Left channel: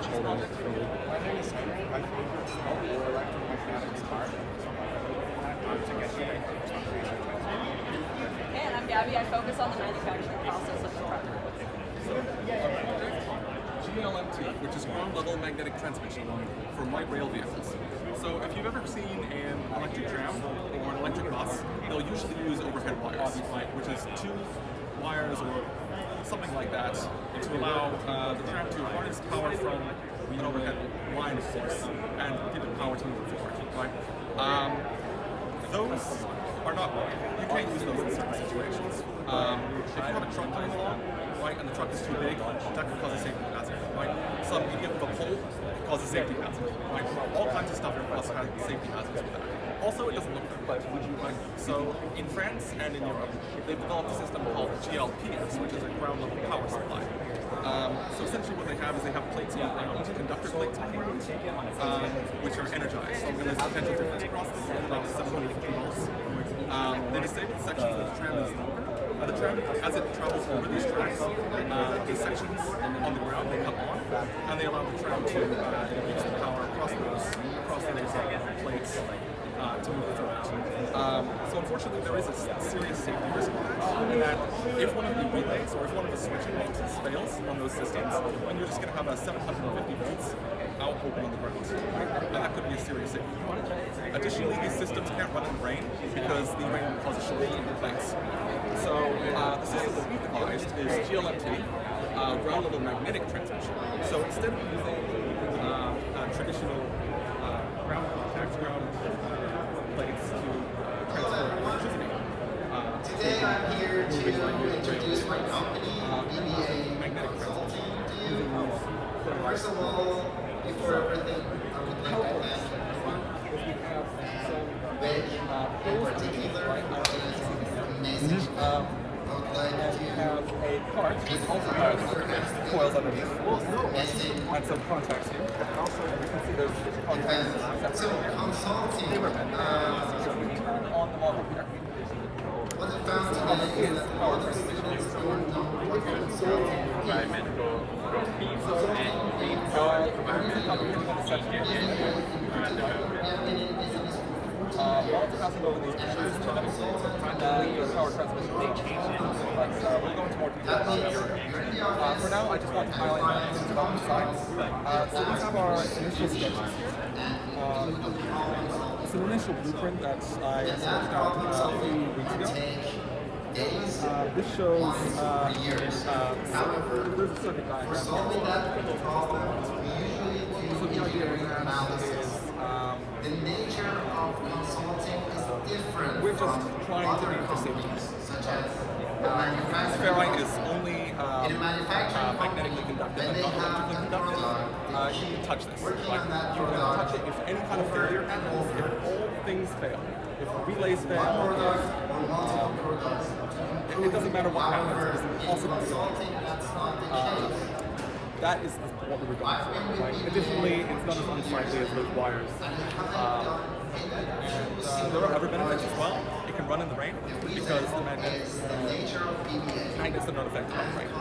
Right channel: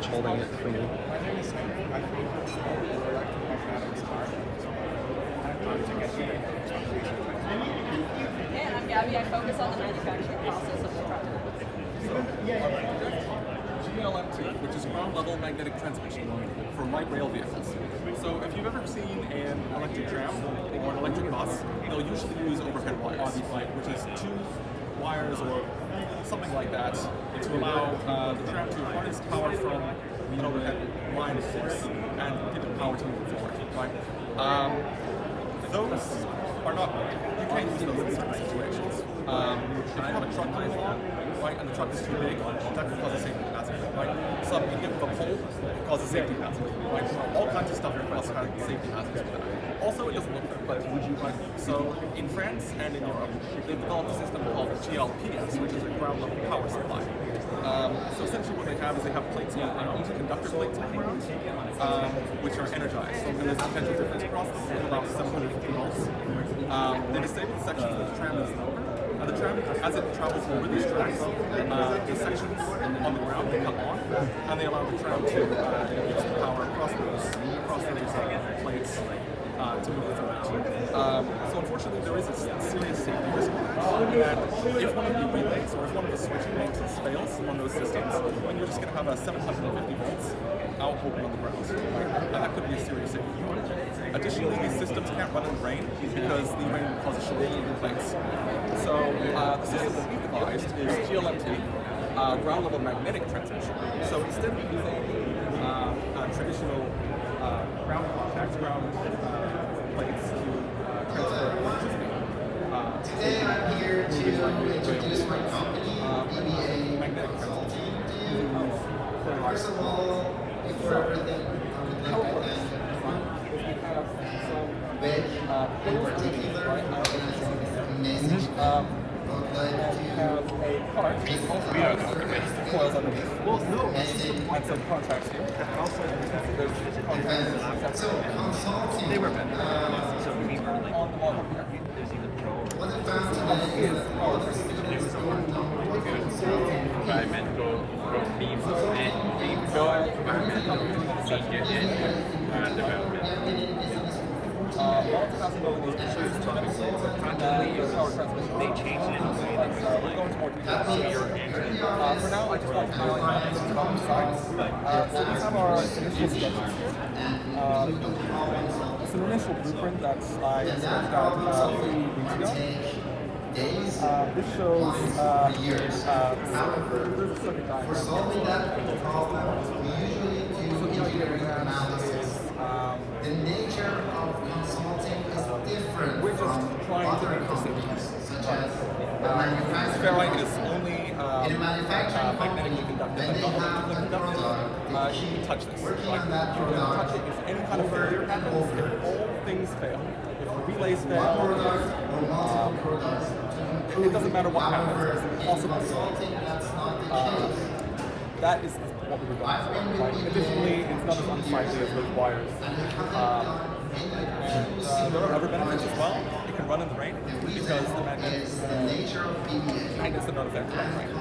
And I focus on the manufacturing process of the product. So, our project, GLMT, which is ground level magnetic transmission for light rail vehicles. So if you've ever seen an electric tram or an electric bus, they'll usually use overhead wires, right, which is 2 wires or something like that to allow the tram to harness power from an overhead line, of course, and give it power to move forward, right? Those are not, you can't use those in certain situations. If you have a truck coming along, right, and the truck is too big, that could cause a safety hazard, right? Some idiot with a pole could cause a safety hazard, right? All kinds of stuff can cause safety hazards with that. Also, it doesn't look very good, right? So, in France and in Europe, they've developed a system called GLPS, which is a ground level power supply. So essentially what they have is they have plates on the ground, conductor plates on the ground, which are energized, and there's a potential difference across them of about 750 volts. They disable the sections that the tram is over. The tram, as it travels over these tracks, the sections on the ground, they come on, and they allow the tram to use the power across those plates to move forward. So unfortunately, there is a serious safety risk in that if one of the relays or if one of the switching boxes fails on those systems, then you're just going to have a 750 volts out open on the ground, right? And that could be a serious safety problem. Additionally, these systems can't run in the rain because the rain will cause a shortage in the plates. So the system that we've devised is GLMT, ground level magnetic transmission. So instead of using traditional ground plates to transfer electricity, magnetic transmission. First of all, before everything, I would like to thank Coils underneath, right? I don't know if you can see this. And we have a cart which also has coils underneath and some contacts here. And also, you can see there's contacts separately. They were meant to turn on the model here. what I found today is all the students who are Lots of possibilities to choose from. The power transmission may change it, but we'll go into more detail here. For now, I just want to highlight a few things about the design. So we have our initial sketches here. It's an initial blueprint that I sketched out a few weeks ago. This shows there's a circuit diagram. So the idea of that is we're just trying to aim for safety. This ferrite is only magnetically conductive and not electrically conductive. You can touch this. Right? You can touch it if any kind of failure happens, if all things fail. If the relays fail, if it doesn't matter what happens, it's impossible to that is what we were going for. Right? Additionally, it's not as unsightly as those wires. And there are other benefits as well. It can run in the rain because the magnets are not affected by the rain. I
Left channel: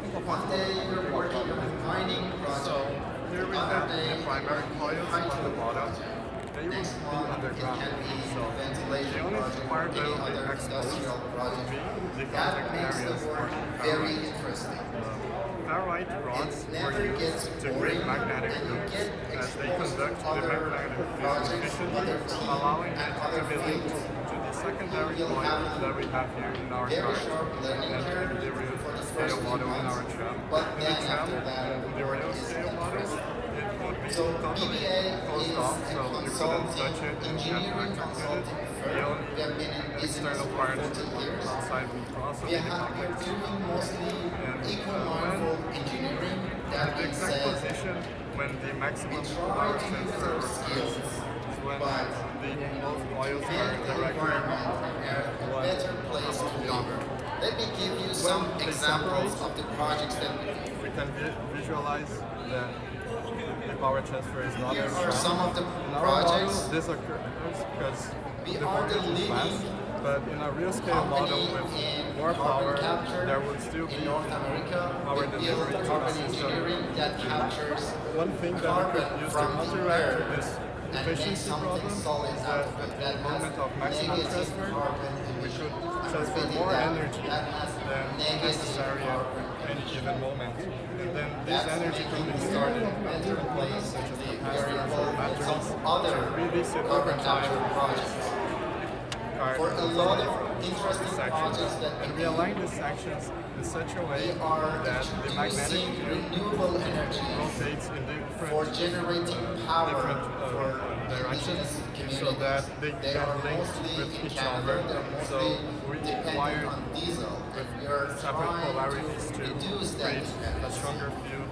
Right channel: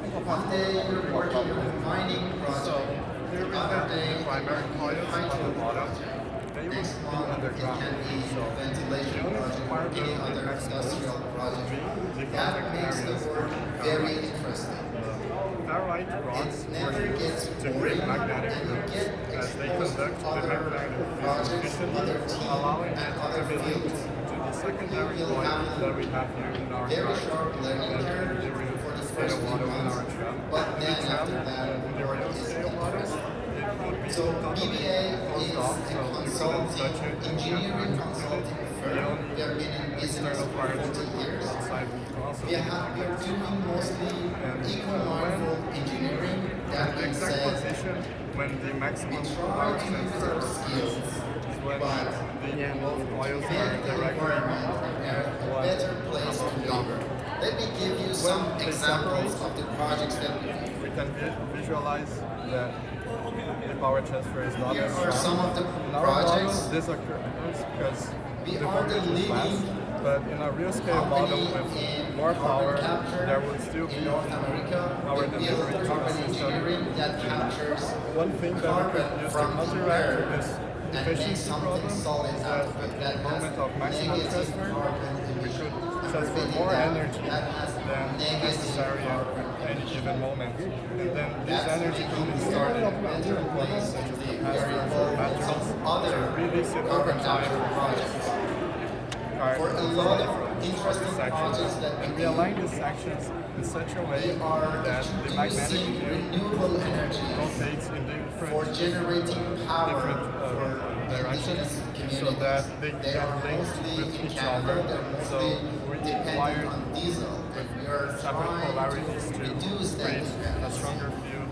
think I'll pass it on to talk about it. So here we have the primary coils on the bottom. They will be underground. So the only part that will be exposed will be the contact areas for ferrite. Ferrite rods were used to create magnetic loops as they conduct the magnetic field efficiently, allowing it to be linked to the secondary coil that we have here in our cart and the real scale model in our tram. In the tram, the real scale model, it would be totally closed off, so you couldn't touch it in the electric unit. The only external part outside would also be the contact. And when the exact position when the maximum power transfer occurs is when both coils are directly one above the other. When they separate, we can visualize that the power transfer is not as strong. In our model, this occurs because the voltage is less, but in a real scale model with more power, there will still be power delivery to the system. One thing that we could use to counteract this efficiency problem is that at the moment of maximum transfer, we should transfer more energy than necessary at any given moment. And then this energy could be stored in components such as capacitors or batteries to release it over time. For a lot of interesting projects that and we align these sections in such a way that the magnetic field renewable energy rotates in for different generating power directions so that they can link with each other. And so we wire with separate polarities to create a stronger field,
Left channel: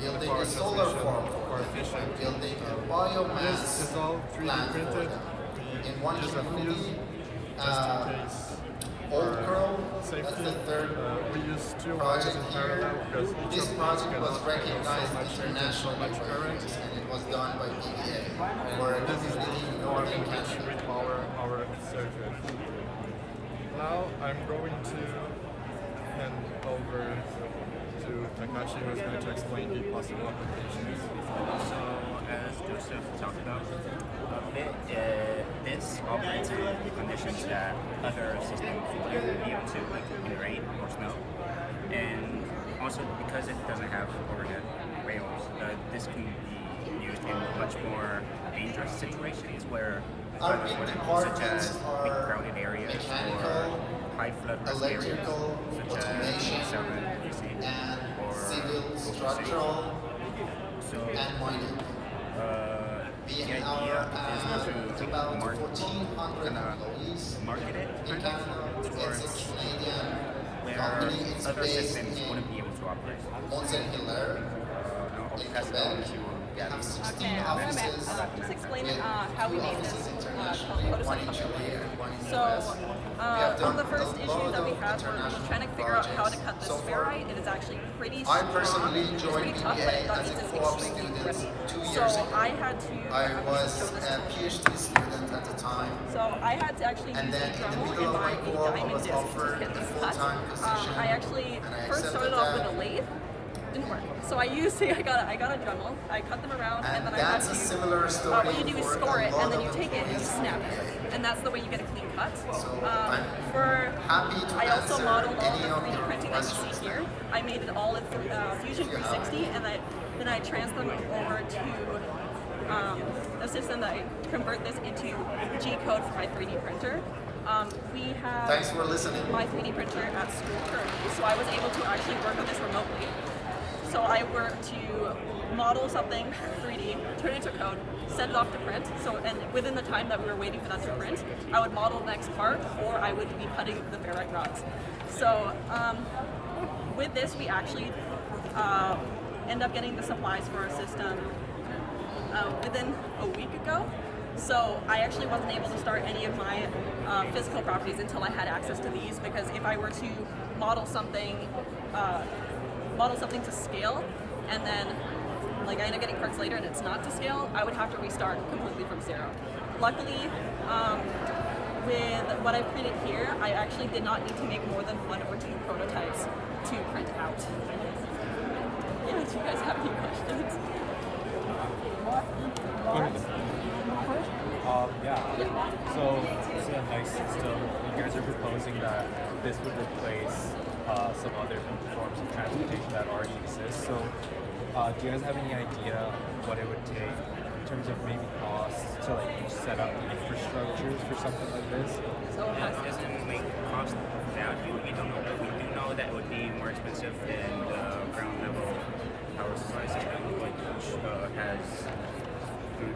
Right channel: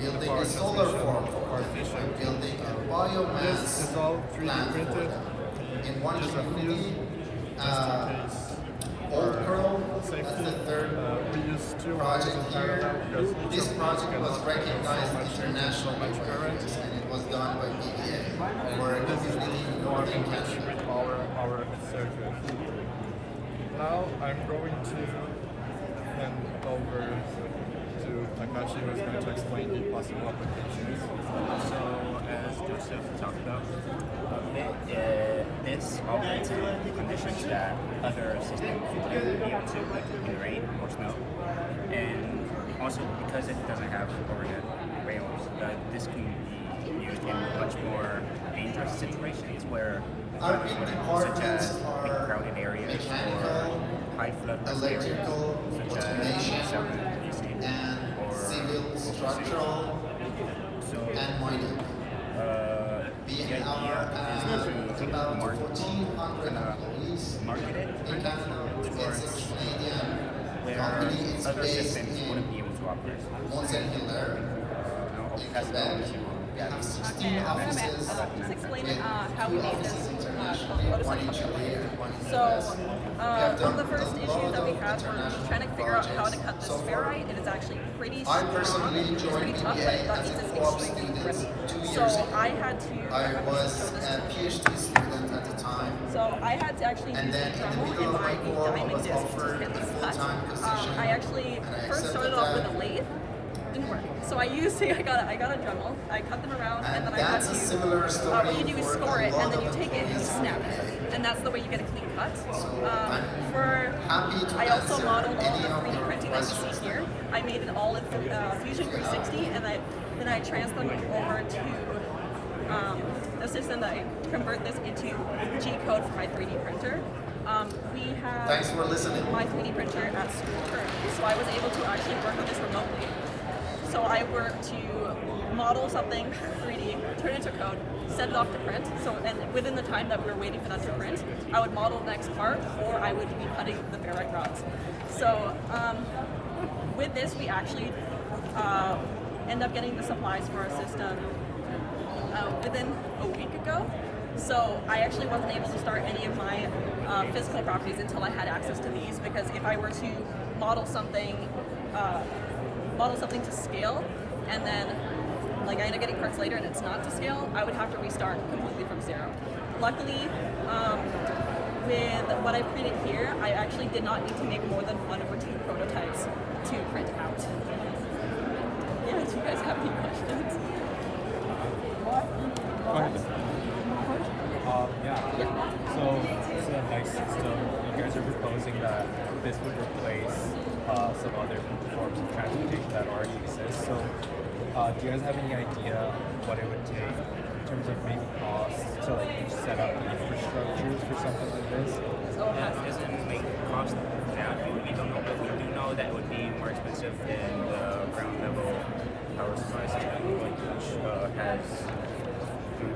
make the power transmission more efficient. This is all 3D printed. Just a fuse, just in case for safety. We use two wires in parallel because each of these cannot handle so much heat and so much current. And this is the norm in which we power our circuit. Now I'm going to hand over to Takashi, who is going to explain the possible applications. So, as Joseph talked about, this operates in conditions that other systems wouldn't be able to, like in rain or snow. And also because it doesn't have overhead rails, this can be used in much more dangerous situations where weather wouldn't, such as big crowded areas or high flood risk areas, such as southern BC or coastal cities. So, the idea is to market it kind of towards where other systems wouldn't be able to operate. I'll pass it on to Gabby. Just explain how we made this So, one of the first issues that we had were trying to figure out how to cut this ferrite. It is actually pretty strong. I personally joined It's pretty tough, BCIT but as a it's co-op extremely student brittle. 2 years So ago. I had to. I was a PhD student at the time. So I had to actually And use then the in the Dremel middle in of my my co-op, I diamond was disc to offered get the this full-time cut. position. I actually and I first started accepted off with that. a lathe. Didn't work. So I used I got a Dremel. I cut them around, and then I had that's to. a similar story what you do is for score a it, and lot then of you take it and you employees snap in it, and that's the way you get a clean cut. I'm happy to I also answer modeled all any the of 3D your printing that you see questions. here. I made it all in Fusion 360, and then I transferred them over to a system that I convert this into G code for my 3D printer. We have Thanks for listening. my 3D printer at school currently, so I was able to actually work on this remotely. So I worked to model something 3D, turn it into code, send it off to print. So, and within the time that we were waiting for that to print, I would model the next part, or I would be cutting the ferrite rods. So with this, we actually end up getting the supplies for our system within a week ago. So I actually wasn't able to start any of my physical properties until I had access to these, because if I were to model something to scale, and then like I end up getting parts later and it's not to scale, I would have to restart completely from zero. Luckily, with what I printed here, I actually did not need to make more than 1 or 2 prototypes to print out. Yeah, do you guys have any questions? Yeah. So a nice system. You guys are proposing that this would replace some other forms of transportation that already exist. So, do you guys have any idea what it would take in terms of maybe costs to like set up infrastructures for something like this? So It doesn't make cost value. We don't know, but we do know that it would be more expensive than the ground level power supply system, which has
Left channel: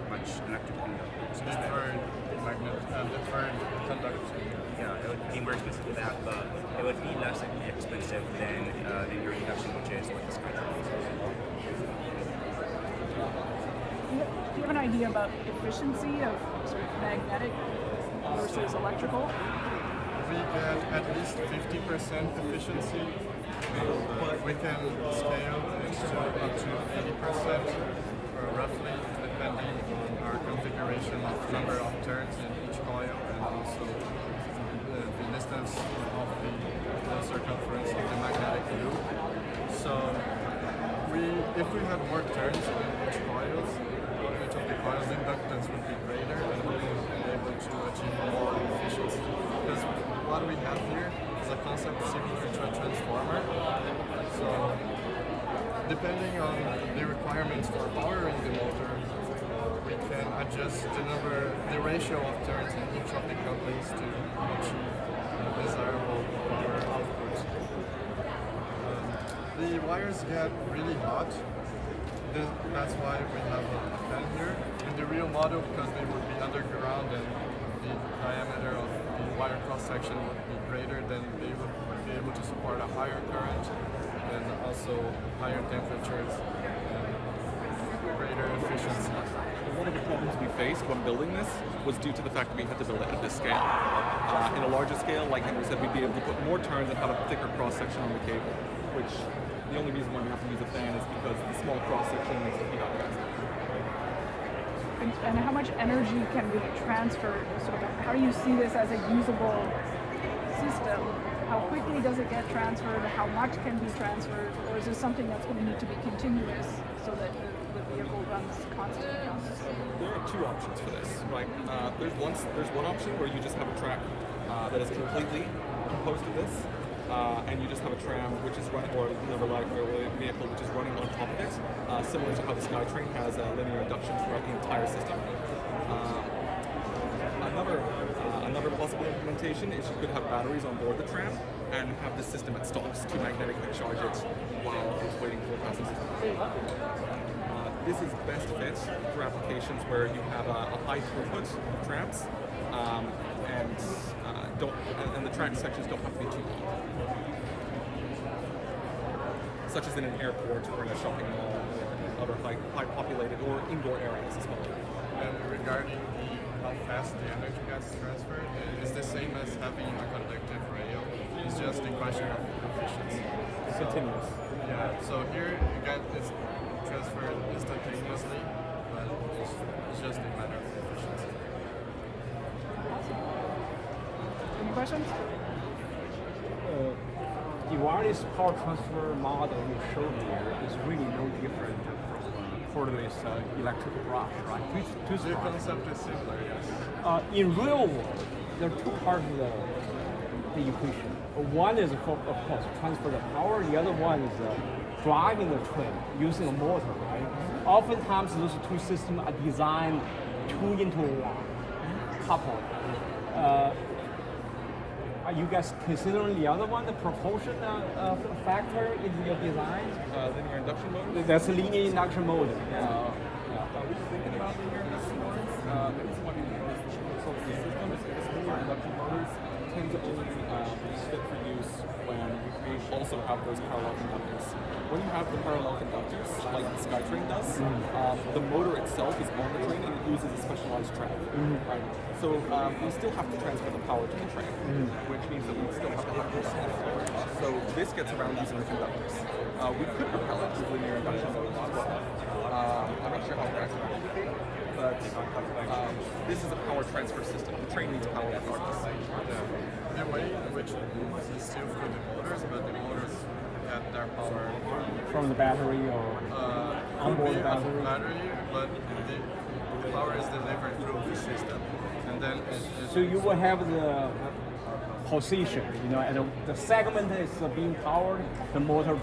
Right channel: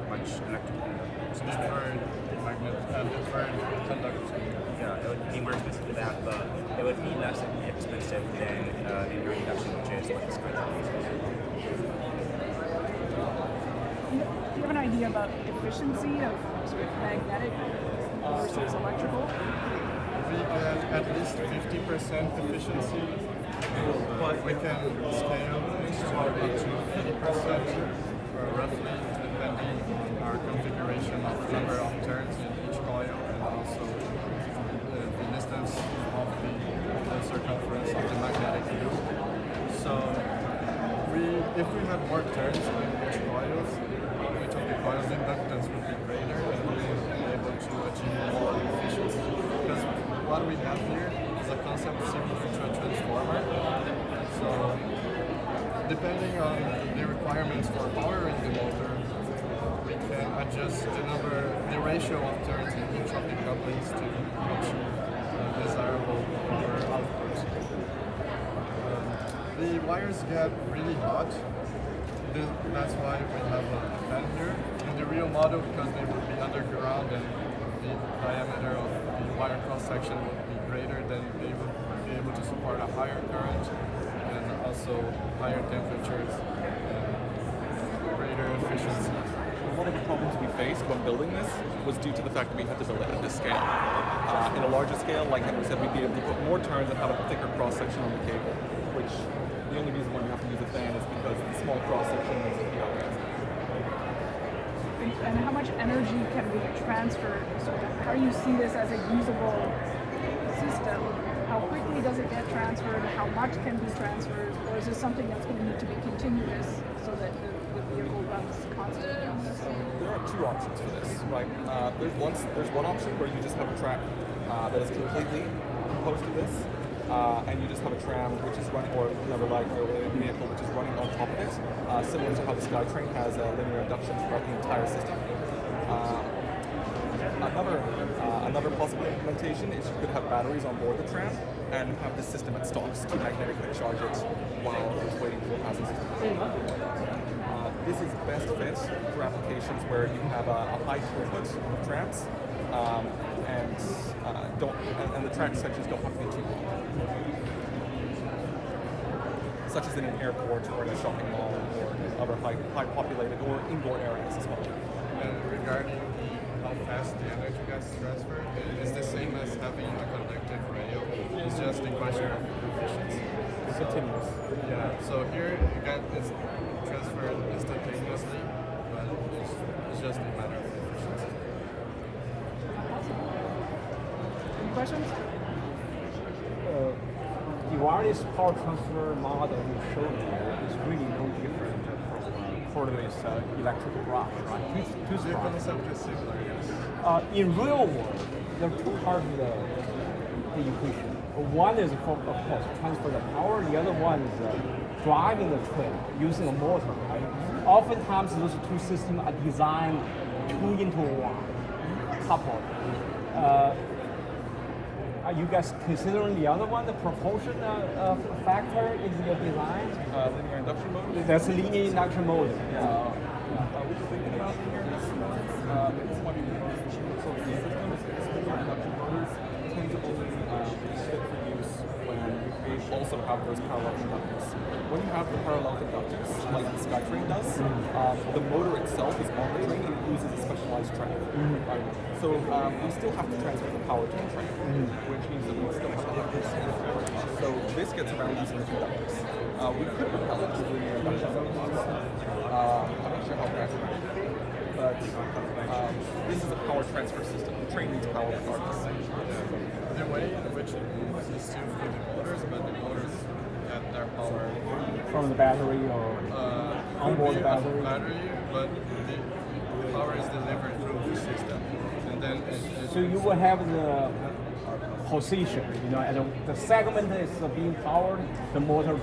much electric conductors. Deferred conduction. Yeah, it would be more expensive than that, but it would be less expensive than linear induction, which is what this contract uses. Do you have an idea about efficiency of sort of magnetic versus electrical? We get at least 50% efficiency. We can scale this to up to 80%, or roughly, depending on our configuration of number of turns in each coil, and also the distance of the circumference of the magnetic loop. So if we had more turns in each coils, each of the coils inductance would be greater, and we would be able to achieve more efficiency. Because what we have here is a concept similar to a transformer. So depending on the requirements for powering the motor, we can adjust the ratio of turns in each of the couplings to achieve desirable power output. The wires get really hot. That's why we have a fan here. In the real model, because they would be underground and the diameter of the wire cross-section would be greater, then they would be able to support a higher current and also higher temperatures and greater efficiency. One of the problems we faced when building this was due to the fact that we had to build it at this scale. In a larger scale, like Henry said, we'd be able to put more turns and have a thicker cross-section on the cable, which the only reason why we have to use a fan is because the small cross-section makes it heat up faster. And how much energy can be transferred? So how do you see this as a usable system? How quickly does it get transferred? How much can be transferred? Or is this something that's going to need to be continuous so that the vehicle runs constantly? There are two options for this, right? There's one option where you just have a track that is completely composed of this, and you just have a tram which is running, or another light railway vehicle which is running on top of it, similar to how the SkyTrain has a linear induction throughout the entire system. Another possible implementation is you could have batteries on board the tram and have this system at stops to magnetically charge it while it's waiting for passengers to come. This is best fit for applications where you have a high throughput of trams and the track sections don't have to be too long, such as in an airport or in a shopping mall or other high populated or indoor areas as well. And regarding how fast the energy gets transferred, it's the same as having a conductive rail. It's just a question of efficiency. It's continuous. Yeah, so here again it's transferred instantaneously, but it's just a matter of efficiency. Any questions? The wireless power transfer model you showed here is really no different from cordless electric brush, right? Tooth The brush. concept is similar, yes. In real world, there are two parts of the equation. One is, of course, transfer the power. The other one is driving the train using a motor, right? Oftentimes, those two systems are designed 2 into 1, coupled. Are you guys considering the other one, the propulsion factor in your design? Linear induction motors? That's a linear induction motor. We were thinking about linear induction motors. The reason why we proposed the system is because linear induction motors tend to only be fit for use when you also have those parallel conductors. When you have the parallel conductors, like the SkyTrain does, the motor itself is on the train and it uses a specialized track. Right? So we still have to transfer the power to the train, which means that we still have to have this. So this gets around using the conductors. We could propel it with linear induction motors as well. I'm not sure how practical it would be, but this is a power transfer system. The train needs power regardless. The way in which we still through the motors, but the motors get their power From the battery or onboard battery. But the power is delivered through the system, and then So you will have the position, and the segment is being powered, the motor,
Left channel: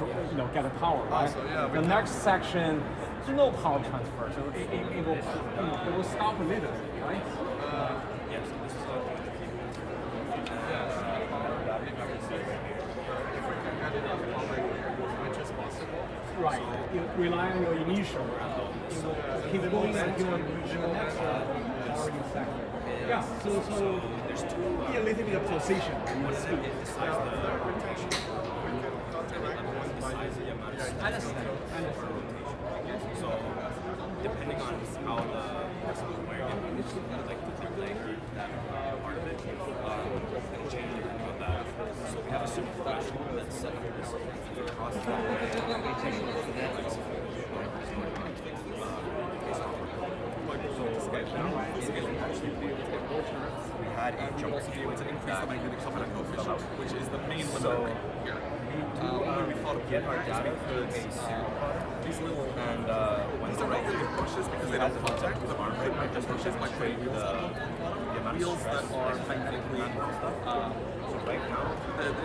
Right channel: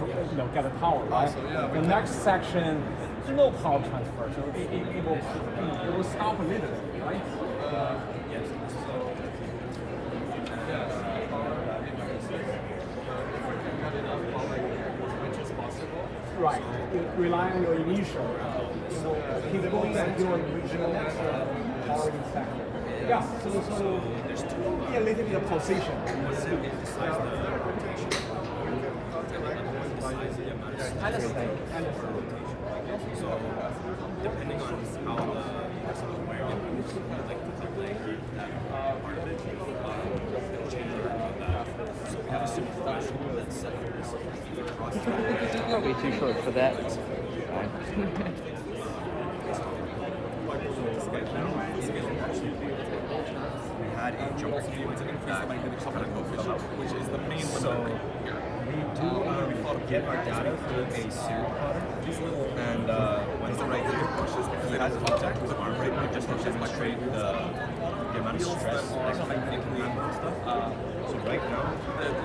get the power, right? So, yeah, the next section, there's no power transfer, so it will stop a little bit, right? yes, power increases. If we can get enough power here, which is possible. Right. You rely on your initial. You will keep going until you reach the next powering sector. Yeah. So be a little bit of position in the speed. Understand. Depending on the speed, Way too close for that. by building it to scale. Full scale and partially be able to get more turns. And we would also be able to increase the magnetic coupling coefficient, which is the main limiter right here. One way we thought of doing that is we could these are not really brushes because they don't contact, but we could make just brushes by putting wheels on them. Wheels that are magnetically,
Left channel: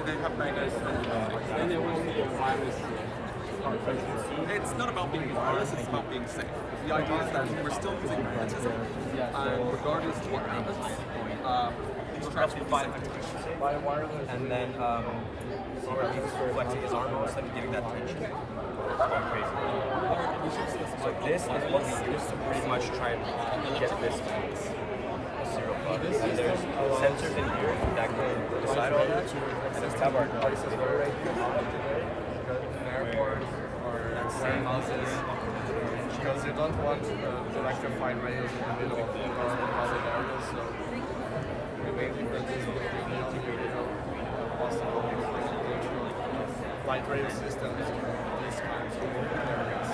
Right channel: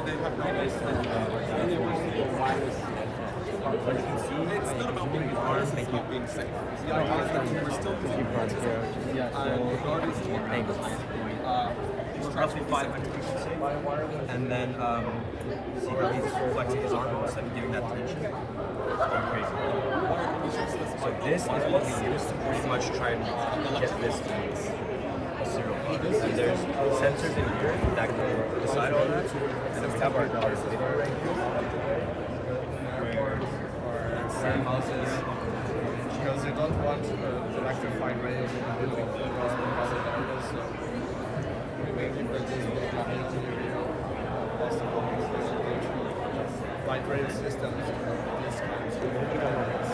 they have magnetic. It's not about being wireless, it's about being safe. The idea is that we're still using magnetism, and regardless of what happens, these tracks will be safe. And then CP's flexing his arm instead of giving that tension. So this is what we use to pretty much try and get this to there's sensors in here that can decide on it. And then we have our sticker right here. Same houses, because they don't want electrified rails in the middle of the area, so we make this possible light rail systems in these kinds of areas.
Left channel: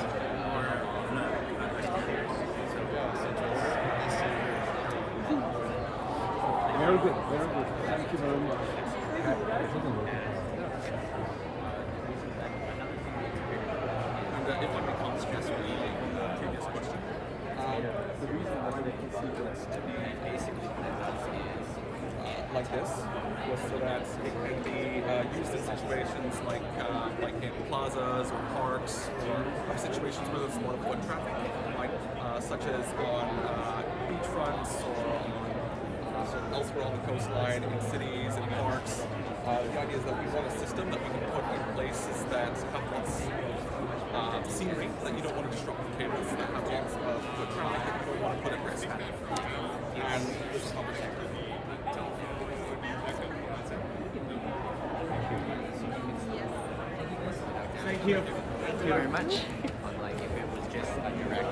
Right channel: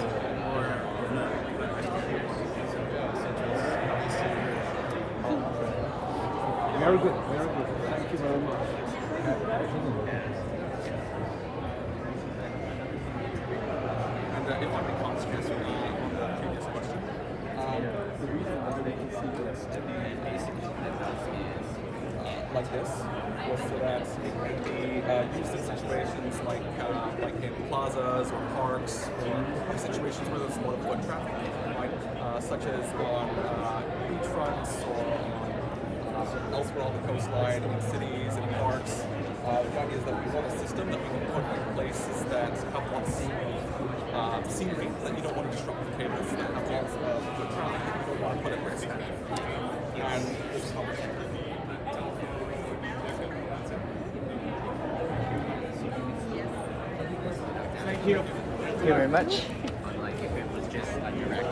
Very good, very good. Thank you very much. If I can stress the previous question, the reason why we consider it like this was so that it can be used in situations like in plazas or parks or other situations where there's a lot of foot traffic, right? Such as on beachfronts or on elsewhere on the coastline, in cities, in parks. The idea is that we want a system that we can put in places that have lots of scenery that you don't want to disrupt with cables, that have lots of foot traffic that you don't want to put at risk. And this is how we do it. Thank you very much.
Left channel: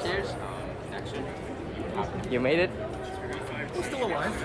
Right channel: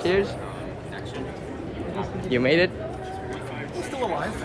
Cheers. You made it. We're still alive.